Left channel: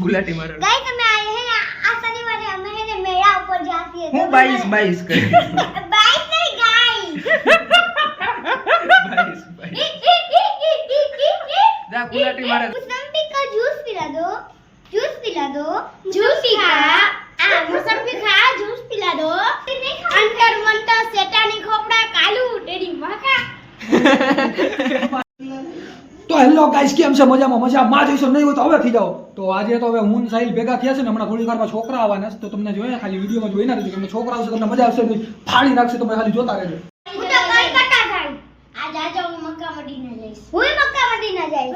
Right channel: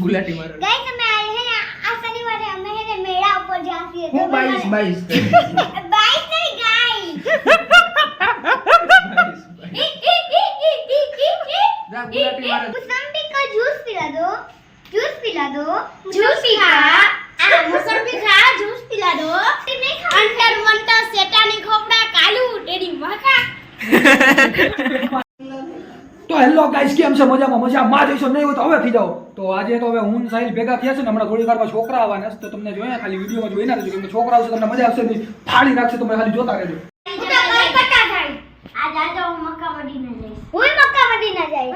ગુલાટી મારો गाइस हमें आए हैं आज शनिवार है हमें है मेला ऊपर जाती है હું 22 कर 22 नहीं गाइस 22 जा गुलाटी मारो मौसम्बी का जूस पिला दो जूस खा मौसम्बी खा जूस पिला दो अंतर मंतर सेटानी खोपड़ा कालू तेरी मां का તો હેલો ગાઈસ કેમ છે મજામાં જઈશું નહીં હોય તો હવે થઈ જાઓ તો આજે તો હવે હું સાહિલ ભેગા થયા છે ને હમણાં થોડી વારમાં છોકરા આવવાના છે તો તમને જોઈએ ખાલી વિડીયોમાં જોઈ ના રહેજો કેમ કે છોકરા આવશે તમને મજા આવશે નહીં ફાડી નાખશે તમે ખાલી જોતા રહેજો હું તો કલકત્તા જાય આજ આજો હું મક્કા મદીના જઈશ હું મક્કા મદીના જઈશ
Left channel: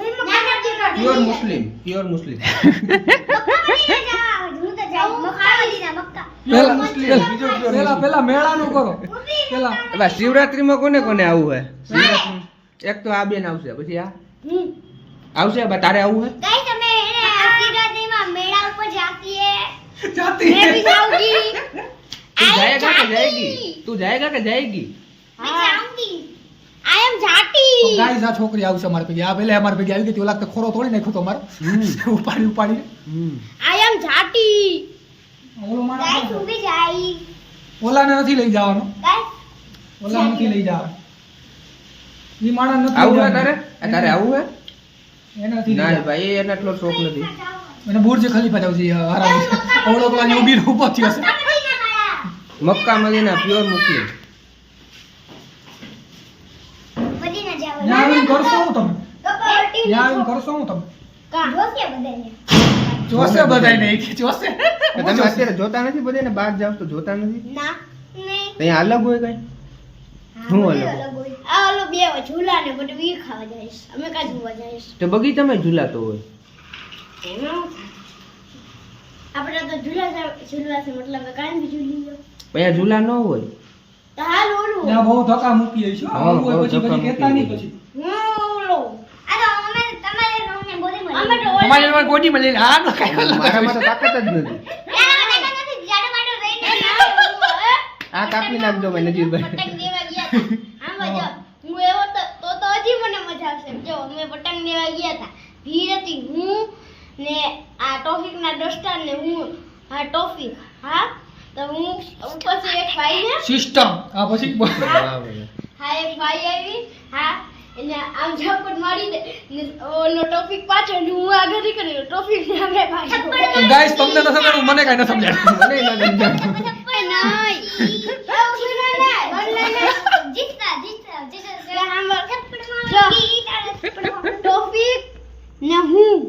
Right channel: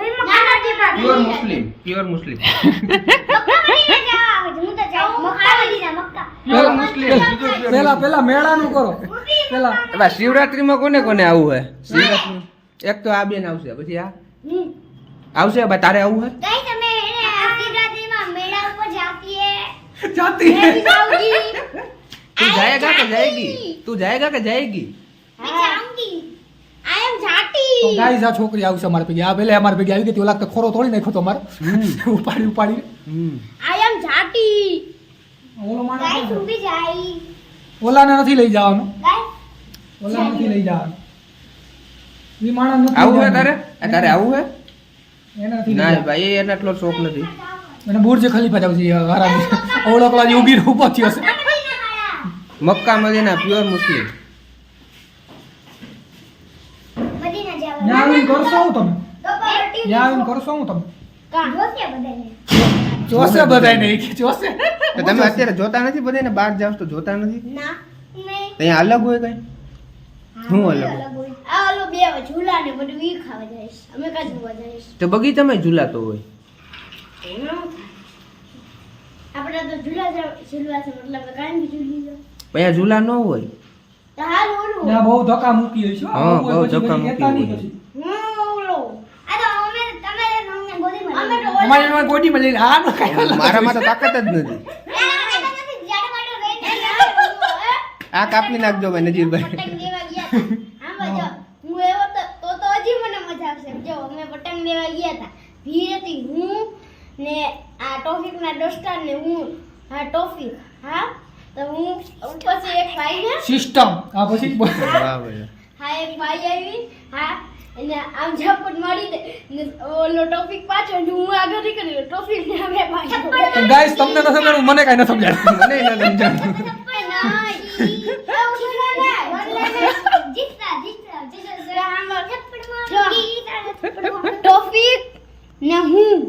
પ્યોર મુસ્લિમ મક્કા મદીના જા હું તો જાય મક્કા મદીના પેલા મેળાનું કરો પેલા હવે શિવરાત્રીમાં કોને કોને આવું હે શિવરાત્રી એક તો આ બેન આવશે પછી આ આવશે બા તારે આવું હે गाइस हमें शिवरात्रि में मेला ऊपर जाती है જાતી मैं भी जाऊंगी तू जाएगा कि जाएगी तू जाएगा कि जाएगी मैं जाऊंगी आई एम जाती ગાઈસ આ છોકરી આવશે અમાર ભેગી આ પેલે અમાર ભેગી આવી ગઈ તે ઓલા તો ખોરો તોડી નાખ્યો તો અમાર ઉપાડી आई एम जाती ઓલો માણસ गाइस तू भी जाई ઓલાને નથી લઈ જવાનો गाइस ઓલા નથી લઈ જવાનો ઈ માણસ નથી આવું હે લઈ તારે તારે આવું હે જવાનો. એને નથી લઈ ના જવાનો. ભાઈ એને એટલો શોખ નથી એને બુર્જ ખલીફા જાવ છે આરામ ઓલો પેલા યોગી ઊભો થયો છે મક્કા મદીના પ્યોર મુસ્લિમ મદીના જાવ ન્યા આવીને કરશો હું તમે તો પાર્ટી ન્યા આવીને કરશો હું તમે કા જોશે બધાને જોશે બધાને એક જોશે તો તમે અત્યારે જોતા નથી બધાને બહાર જાવ તો જોતા નથી ના નહીં ત્યાં અલગ હોય કઈ શું અલગ હોય? આ ઓલો બે ઝૂલા ને બધું ઈ ખાવા જઈશ અમે કા જોવા જઈશ તો બગીચામાં ઝૂલાતો હોય એમાં આપણે તો ઝૂલા છે મતલબ કાંઈ બી ઝૂલી લો અહીંયા ઝૂલા ન હોય તો હાલ ઓલું ન્યા બહુ ધક્કા મૂકી હશે હા, બહુ ધક્કા કહેતા નહીં મૂકી. પછી ઓલો આ તો અમે તમારે અમને બોલી મળી અમે તો અમારી એમાં ગોડીમાં લઈને આ નો કાંઈ મારામાં તો તાકાત જ નથી આ કાપી નાખજો ભાઈ નજીરભાઈ પતંગ દેવા ગયા હતા હા ભાઈ જો હું એવો તો હજી મને મજા આવશે જો અમે પતંગ દેવા ગયા હતા ભીડ હતી હું ને આ ટોફિક ના દોસ્તાર ને હું હા ટોફિક હા તો હું પછી એક ભાઈ ને સિસ્ટમ આ પછી વાહ ભાઈ હા એક ભાઈ આવી હા એને આમ ઝપટ મારી દે ને ઓલો ટોફિક પાછળ ને હું આગળ નીકળી ટોફિક ને આગળ પાછળ ગાઈસ તમને ન સમજાણું મને કાંઈ ન સમજાણું મને ન સમજાણું ટોફિક ને હું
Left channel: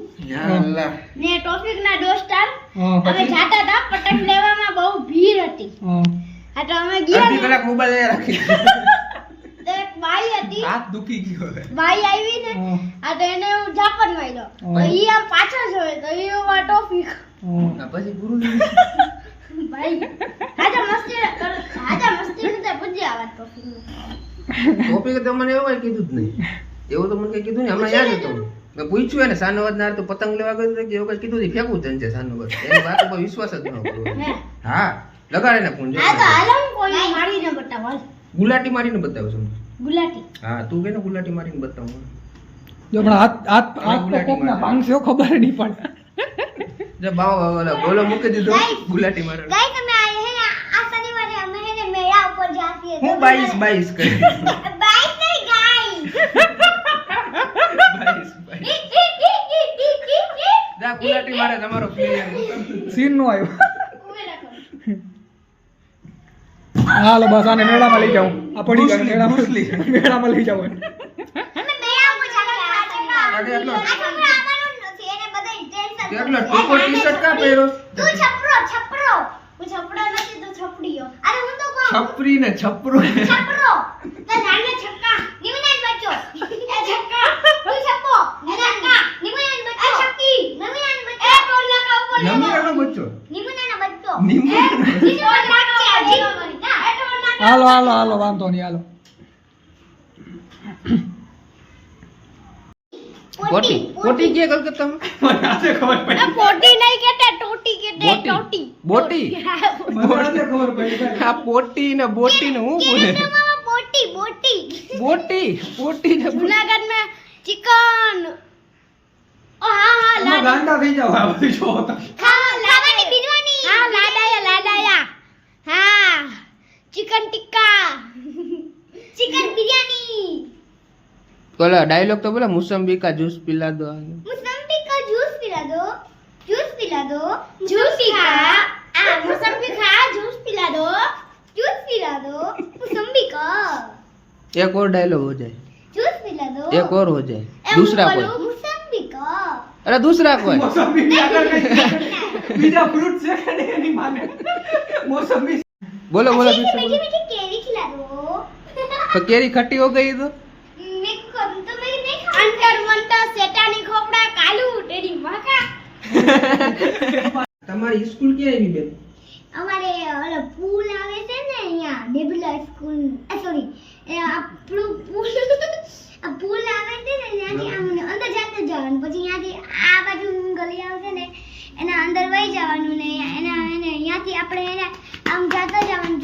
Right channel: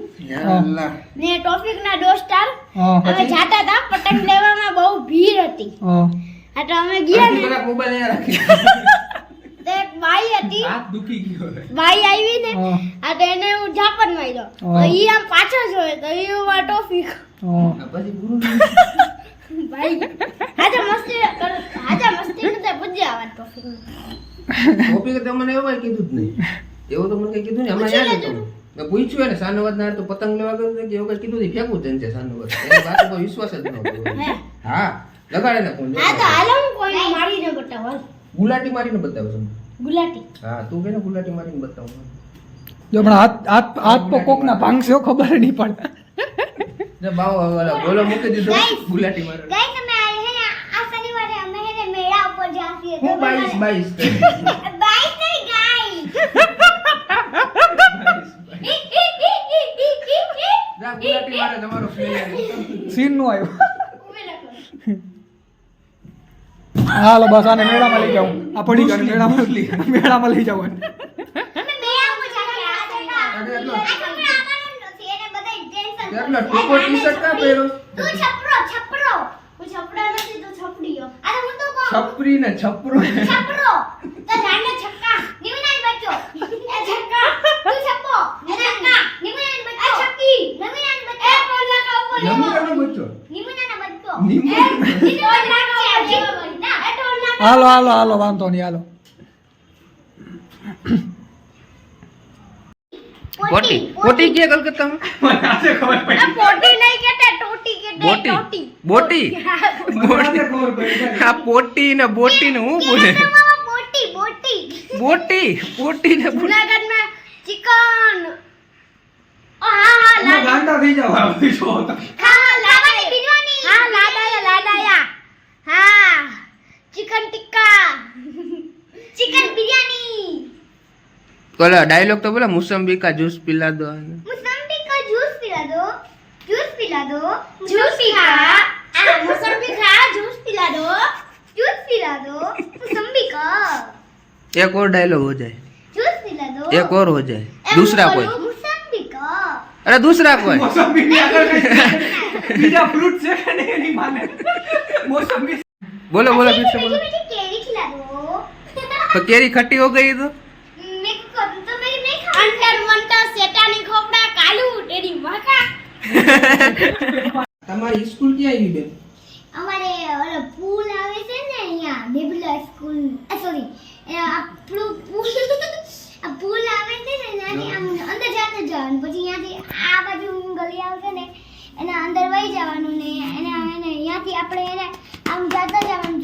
અલ્લાહ ને ટોફિક ના દોસ્તાર હા અમે જાતા હતા પતંગ લેવામાં બહુ ભીડ હતી હા આ તો અમે ગયા અડધી ને કલાક મોબાઈલ અહીંયા રાખી તો એક બાઈ હતી હાથ દુખી ગયો બાઈ આવી ને હા. આ તો એને હું ઝાપટ માર્યો તો હા. ઈ આમ પાછળ જોયો તો ઈ વા ટોફિક હા પછી પૂરું ભાઈ આજા મસ્તી નતા પૂજ્યા આવા ટોફિક ટોપિક તો મને એવું કઈ કીધું જ નહીં એવું તો મને કઈ કીધું નહીં હમણાં યાદ હતું મેં પૂછ્યું એને સાનુવાદ ના તો પતંગ લેવા ગયો તો કે એવું કઈ કીધું નહીં ફેંકવું જ છે સાનુવાદ એની વાત ઉપર વિશ્વાસ જ ન કર્યો હા લગાડે ને ફોન આ તો હાલો હું કોઈ મારીને બતાવો હાલ. ગુલાટી મારીને બતાવું છું ગુલાટી હા તું કે ને ગુલાટી મારીને બતાવું જો હમણાં હાથ તો કોકના ભાંગશે ખબર નહીં પડે જો બાવો વાલા બોલો મૂકી દીધો Guys. ગુલાટી મારે गाइस हमें आए हैं आज शनिवार है हमें है मेला ऊपर जाती है હું 22 કરી 22 नहीं गाइस 22 જા ગુલાટી મારે તમારો પ્લેયર સીન નો આવ્યો હાલો બસ આને મેળામાં લઈ જાઉં આ પડી ગયો મેળામાં લઈ જાઉં हमें मेला ऊपर जाती है આગે એટલો આ છોકરા આવવાનું જ નથી એને બધાય ટેન્શન એટલો ટૂંકો ટી-શર્ટ કા પહેરો તું છપરો હું છપડો નથી તું છપડીયો અરે હું તો કહું છપરી ને છપરો છપરો તો જાને છક્કા નિમુનાન બચ્ચો એ છક્કા તું છપ્પો એ છક્કા નિમુનાન બચ્ચો એ છક્કી નિમુનાન બચ્ચો એ ટોલ લગાવ બોલ નમીરાનો બચ્ચો નિમુનાન બચ્ચો નિમુનાનો એ ટોલ લગાવ એ ટોલ લગાવ હાલો વાંધો નહીં હાલો પોટી કે કલકત્તામાં આ પોટી નહીં કહેતા ટોટી કહેતા ટોટી બોટી આ પોટી ને બોટી ને હું બોલે બોટી બોટી બોટી પોટી ને જુનાગઢમાં ચિકન હા તમે ગાંડા થઈ જાવ આ બધી જો તમે. હા લાડાની બિરયાની હા લાડાયા હા ચિકન ટિક્કા ચિકન બિરયાની બોલો ડાયલોગ તો બોલો મુસંબી કા जूस पिला दो मुसम्बी का जूस पिला दो जूस खा मुसम्बी खा जूस पिला दो मुसम्बी का एक और डायलॉग हो जाए जूस पिला दो एक और हो जाए दूसरा कोई मुसम्बी का अरे दूसरा कोई મોસંબી ની આગળ કઈ બીજા ફ્રૂટ છે કે નહીં એની માને મોસંબી बोलो बोलो फिर से बोलो मुझे केरी खिला दो तो केरी खट्टी हो गई तो मैं को तो मैं नहीं खा अंतर मंतर सेटानी खोपड़ा कालू तेरी माका તમારી સ્કૂલ ક્યાં આવી બેન અમારે ઓલો પૂલ આવે છે ને અહીંયા ડેબલા સ્કૂલ સોરી આપણું પૂલ આ પૂલ આવે છે ને ત્યાંથી આમ અંદર જાતે જવાનું પછી અહીંયાથી આ બાજુ ગલી આવશે ને એના અંદર વહી જવાનું ને એના એને અહીંયાથી આપણે એને આમ જાતો જવાનું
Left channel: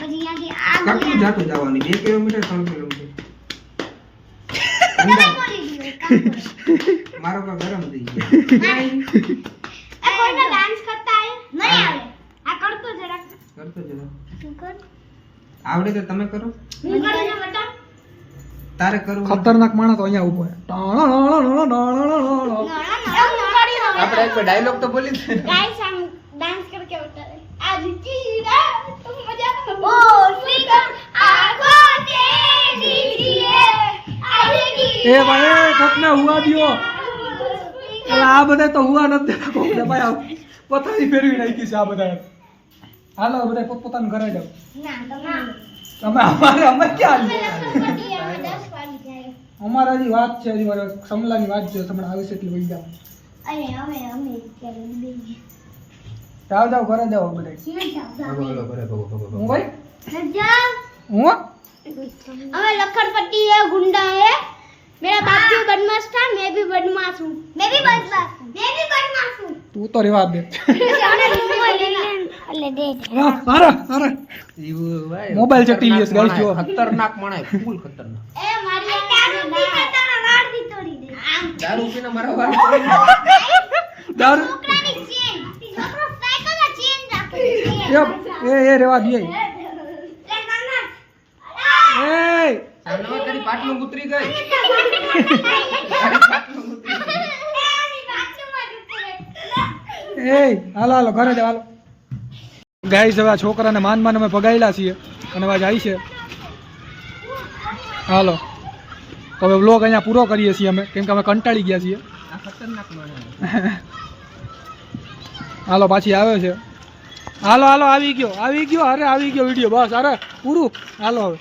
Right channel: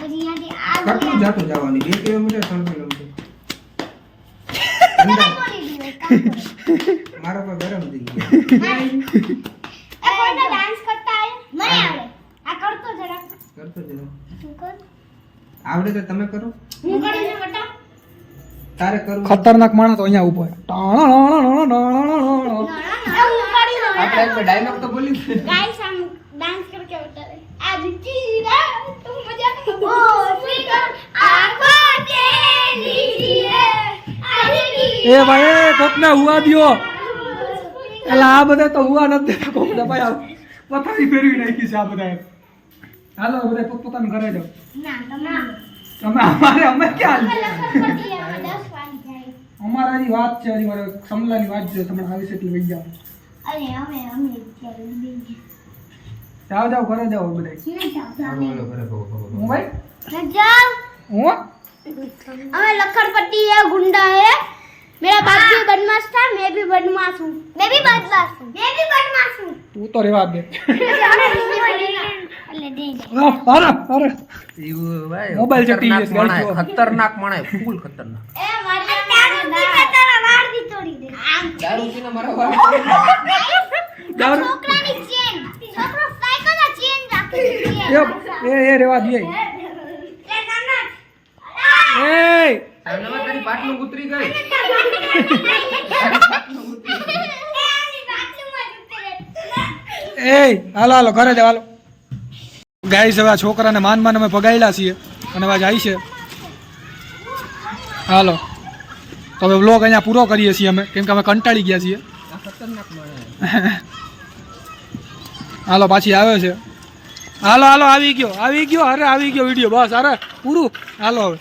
પછી અહીંયાથી આ ગલી કેટલું જાતું જવાનું 2 કિલોમીટર 3 કિલોમીટર તમે બોલી દીધું મારો પર ગરમ થઈ ગયો એ કોઈનો ડાન્સ કરતા હે મને આવડે આ કરતો જરા કરતો જરા તું કર આવડે તો તમે કરો હું કરી ના બેટા તારે કરવું ખતરનાક માણસ તો અહીંયા ઉભો છે. આપણે એક ડાયલોગ તો બોલી દે गाइस हम डांस करके बता रहे आज जीरा तुम मजा ओ स्पीकर आंखों से लीजिए એ ભાઈ કોકને હુવા દ્યો એટલે આ બધા તો હુવા નથી કોકને ભાઈ આ પથારી ફેરવી નાખી છે આ બધા હાલો બધા પોતપોતાનું ઘરે જાઓ ना તમે અમે ક્યાં लखन पट्टी है 10 वाली जाए અમારા હજી વાત છે હજી મારે સમલાની વાત છે તમને આવે છે એટલે વહી જાઓ अरे हमें क्या देंगे જાઓ જાઓ ઘરે જાઓ બધા नहीं जाओ બોલો કરે હું ભાઈ जाओ હું हमें लखन पट्टी है गुंडा है मेरा बाप भी बदमाश था मैं भी बदमाश हूँ मैं भी बदमाश हूँ તું તો રેવા દે ले दे અરે અરે ભાઈ મોબાઈલ છે, TV છે, ગાડી જો. ખતરનાક માણસ ફૂલ ખતરનાક ए मारी दारू पीता तारा वाड़ भी तोड़ी दे દારૂ પીને મારા વાર દારૂ છોકરાની ચેન છોકરો સાયકલ ચેન રાખે એ રેવા દે એ સાહેબ તારી પાટલું ઉતરી ગઈ એ હાલો હાલો ઘરે જાવ હાલો ગાઈસ હવે આ છોકરાને માન માન અમે ભગાડ્યા છીએ અને હવે જાય છે હાલો તો હવે વ્લોગ અહીંયા પૂરો કરીએ છીએ અમે કેમ કે અમે કંટાળી ગયા છીએ આ ખતરનાક માણસ હાલો પાછી આવે છે હાલો હાલો આવી ગયો અરે આવી ગયો વિડીયો બસ અરે પૂરું હાલો હવે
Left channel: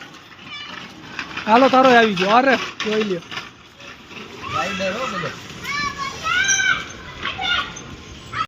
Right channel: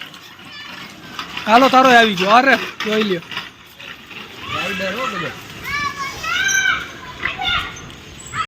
હાલો તારો આવી ગયો અરે જોઈ લ્યો રાઈડર હો બધે